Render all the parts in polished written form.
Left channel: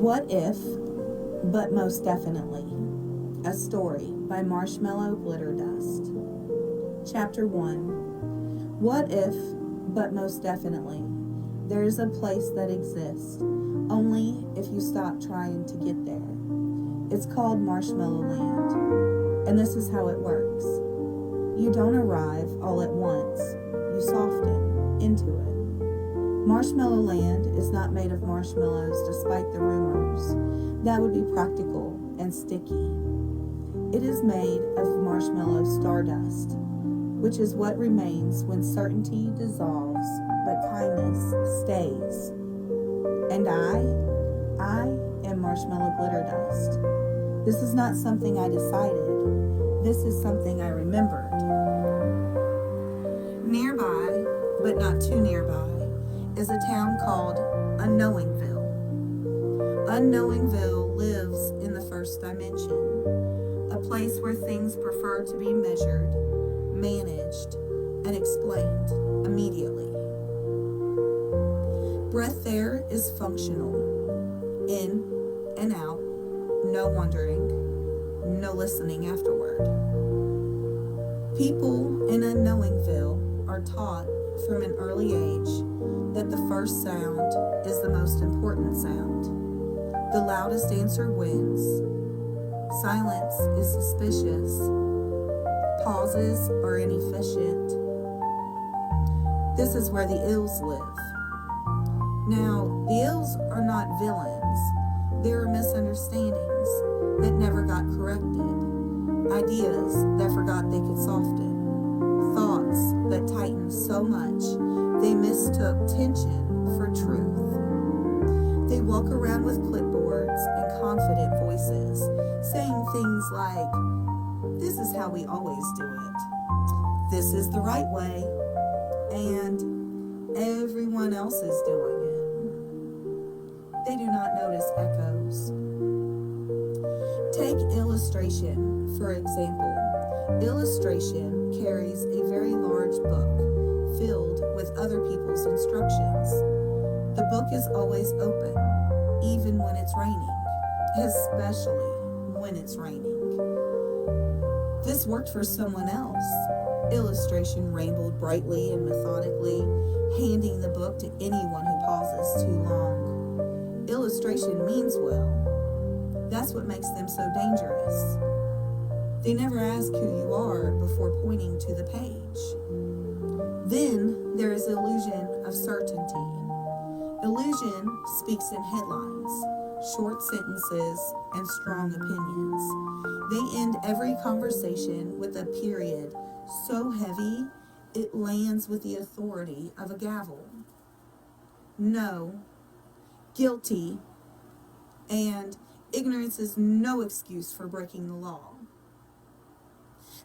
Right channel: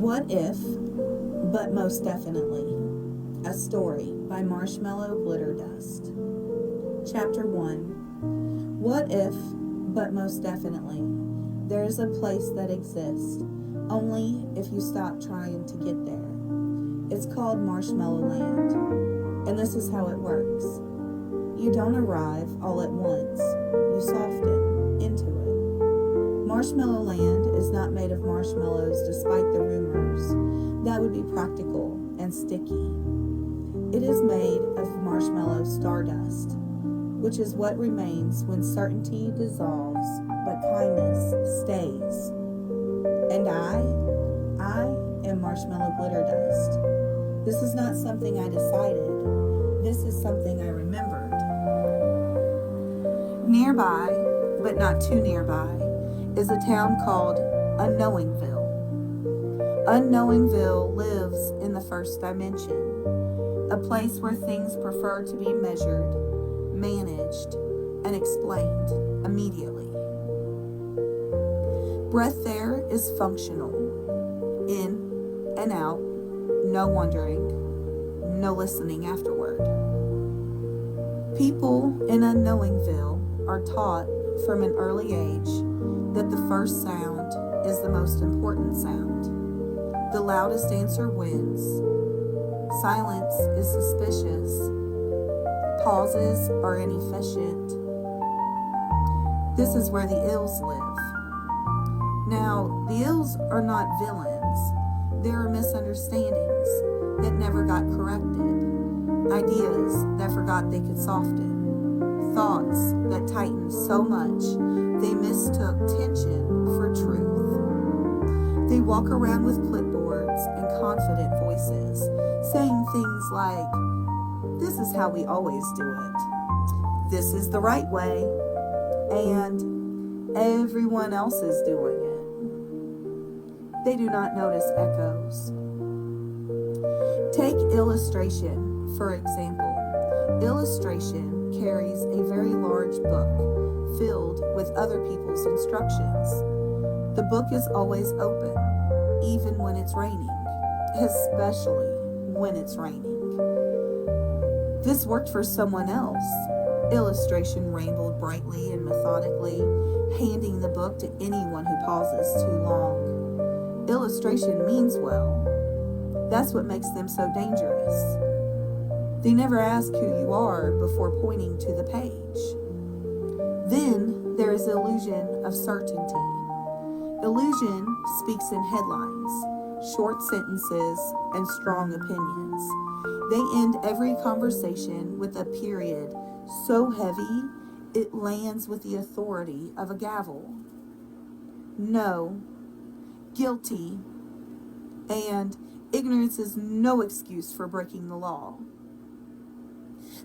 What if, but most definitely. A story by Marshmallow Glitter Dust. Chapter 1. What if, but most definitely, there is a place that exists, only if you stop trying to get there. It's called Marshmallow Land, and this is how it works. You don't arrive all at once, you soften into it. Marshmallow Land is not made of marshmallows despite the rumors. That would be practical and sticky. It is made of marshmallow stardust, which is what remains when certainty dissolves but kindness stays. And I am marshmallow glitter dust. This is not something I decided. This is something I remembered. Nearby, but not too nearby, is a town called Unknowingville. Unknowingville lives in the first dimension, a place where things prefer to be measured, managed, and explained immediately. Breath there is functional, in and out, no wondering, no listening afterward. People in Unknowingville are taught from an early age that the first sound is the most important sound. The loudest answer wins. Silence is suspicious. Pauses are inefficient. This is where the ills live. Now, the ills are not villains. There are misunderstandings that never got corrected. Ideas that forgot they could soften. Thoughts that tightened so much they mistook tension for truth. They walk around with clipboards and confident voices, saying things like, "This is how we always do it. This is the right way. And everyone else is doing it." They do not notice echoes. Take illustration, for example. Illustration carries a very large book filled with other people's instructions. The book is always open, even when it's raining, especially when it's raining. This worked for someone else. Illustration rainbowed brightly and methodically, handing the book to anyone who pauses too long. Illustration means well. That's what makes them so dangerous. They never ask who you are before pointing to the page. Then there is the illusion of certainty. Illusion speaks in headlines, short sentences, and strong opinions. They end every conversation with a period so heavy it lands with the authority of a gavel. No, guilty, and ignorance is no excuse for breaking the law.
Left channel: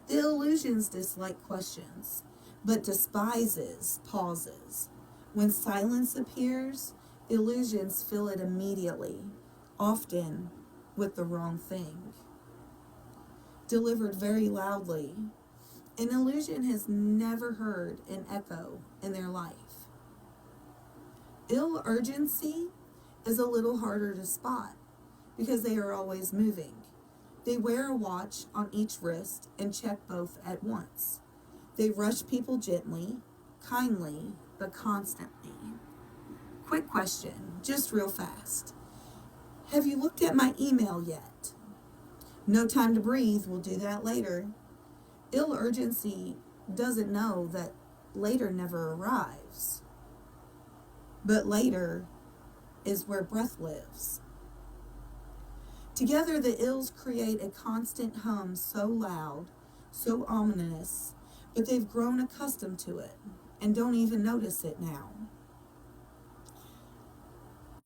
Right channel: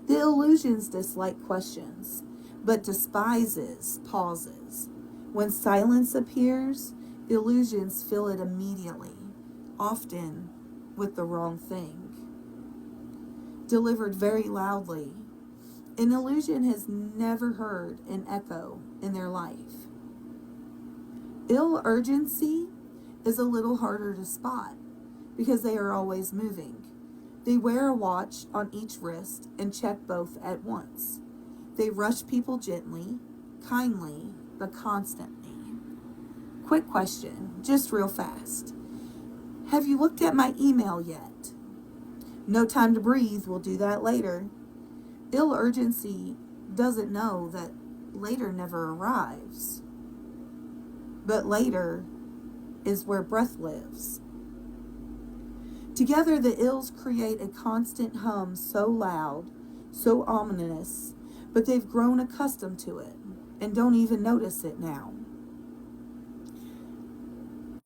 The illusions dislike questions, but despises pauses. When silence appears, the illusions fill it immediately, often with the wrong thing. Delivered very loudly, an illusion has never heard an echo in their life. Ill urgency is a little harder to spot because they are always moving. They wear a watch on each wrist and check both at once. They rush people gently, kindly, but constantly. Quick question, just real fast. Have you looked at my email yet? No time to breathe, we'll do that later. Ill urgency doesn't know that later never arrives. But later is where breath lives. Together, the ills create a constant hum so loud, so ominous, but they've grown accustomed to it and don't even notice it now.